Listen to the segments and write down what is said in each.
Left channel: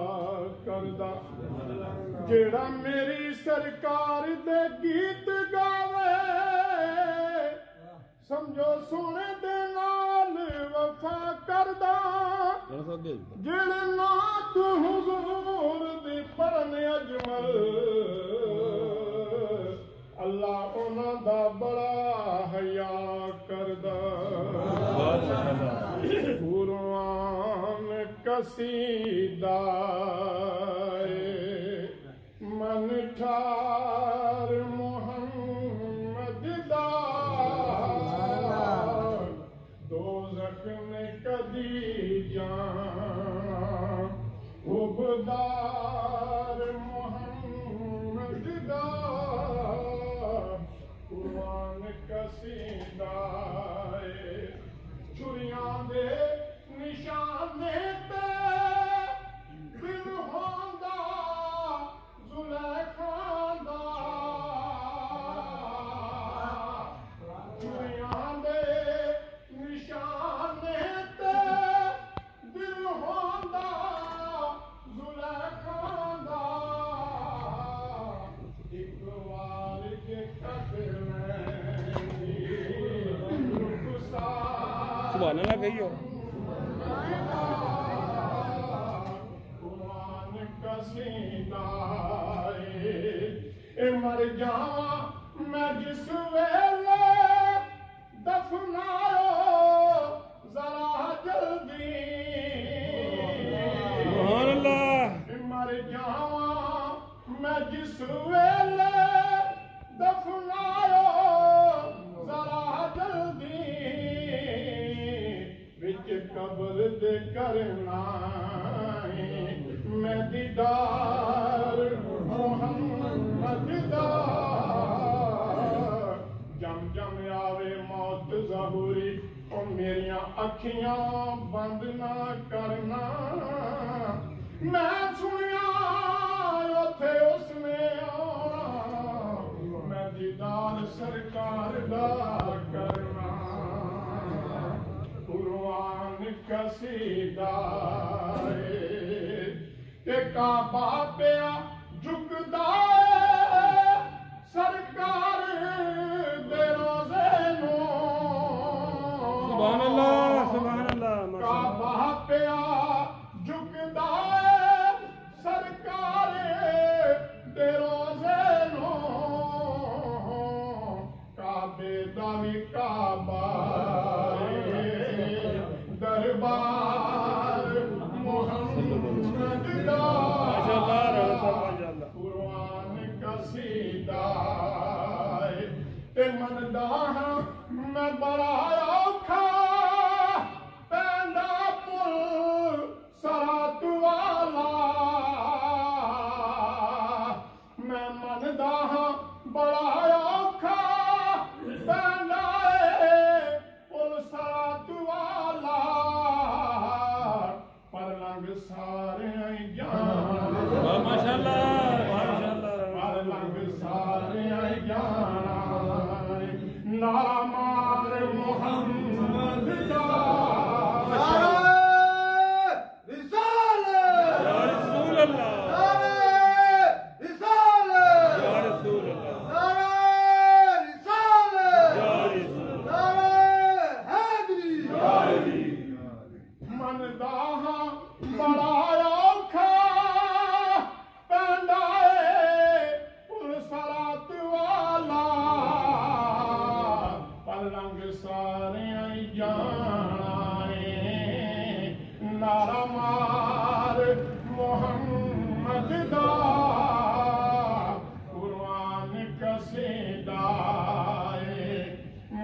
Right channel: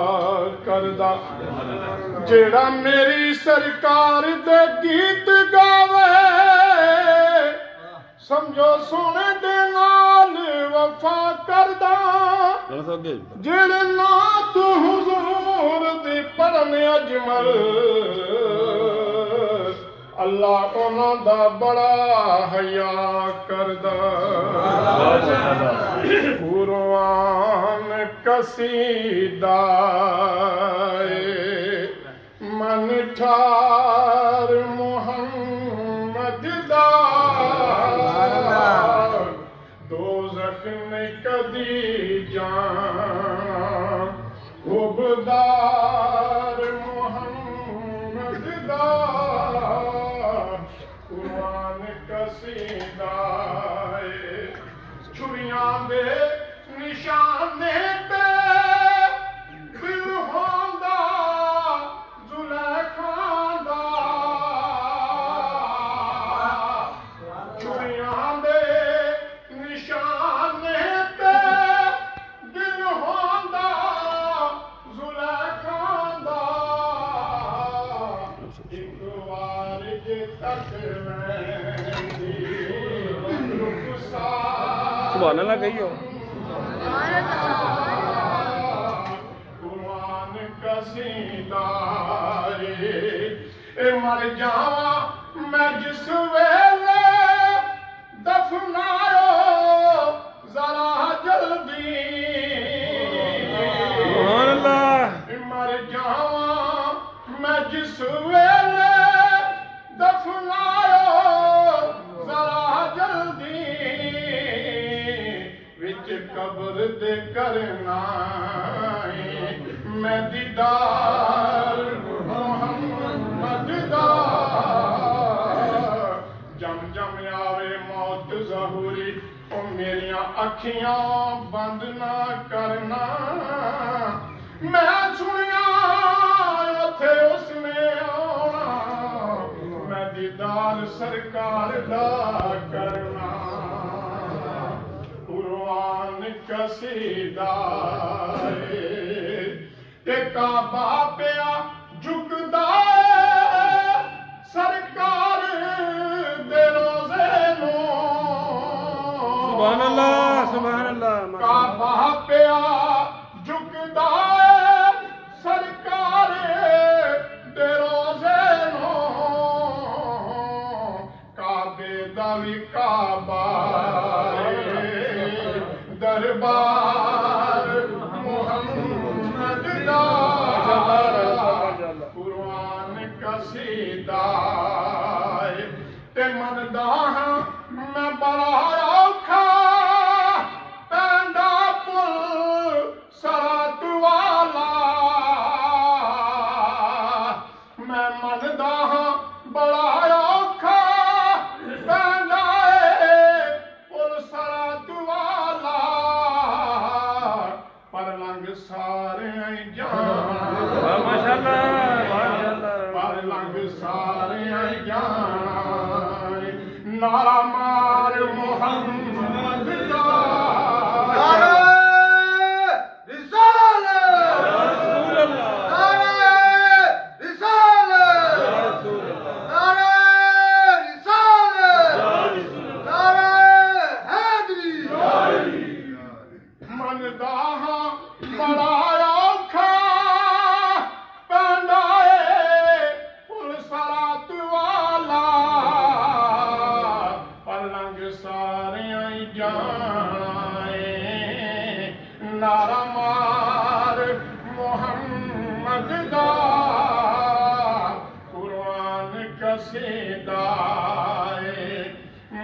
करदा जेड़ा मेरी सरकार दे गीत गावे समझो सोने दे नाल वफा करदा जेड़े ना तू हुजूर दी पढ़ने अजमल अल्लाह उन्हां दा बड़ा हया करदा कुरान कसीदा मन ठार मुहम्मद दा दोज़ख ने कदी जाना खुबदार मुहम्मद दा कुरान कसीदा छुरियां दे निशाने पे दिल होंदा जुलेखा दा छुरियां दे निशाने पे दिल होंदा जुलेखा दा एक बार जे तक सुभान अल्लाह कहियो कुरान कसीदा मर जावा मैं जिस वेले दफनायो जरा जल्दी सुभान अल्लाह मर जावा मैं जिस वेले दफनायो जरा जल्दी विच कब्र दे करना मैं दीदार मुहम्मद दा जम जम आवे मौत ज़हूरी ओ मेरिया अखियां बंद ना करना मैं सुनिया उथे उसने आना मैं दीदार सरकार दा करना कुरान कसीदा काबा पिया झुकदा सरकार दे रोज़े नूं सुभान अल्लाह काबा पिया झुकदा सरकार दे रोज़े नूं काबे दा वी काबा दरबार मुहम्मद दा कुरान कसीदा ते मनदा हां मैं बड़ा औखा पैंदा पुल सरात वाला मैं मनदा हां बड़ा औखा पैंदा पुल सरात वाला पर लंघ सारे जाना माशाअल्लाह पर लंघ सारे जाना नारा मार मुहम्मद दा नारा मार मुहम्मद दा कुरान कसीदा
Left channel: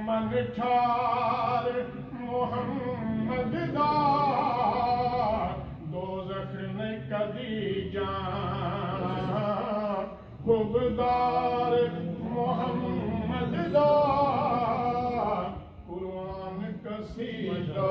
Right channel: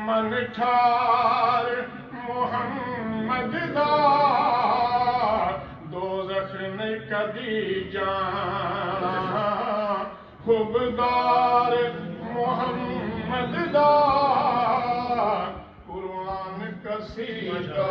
मन ठार मुहम्मद दा दोज़ख ने कदी जाना खुबदार मुहम्मद दा कुरान कसीदा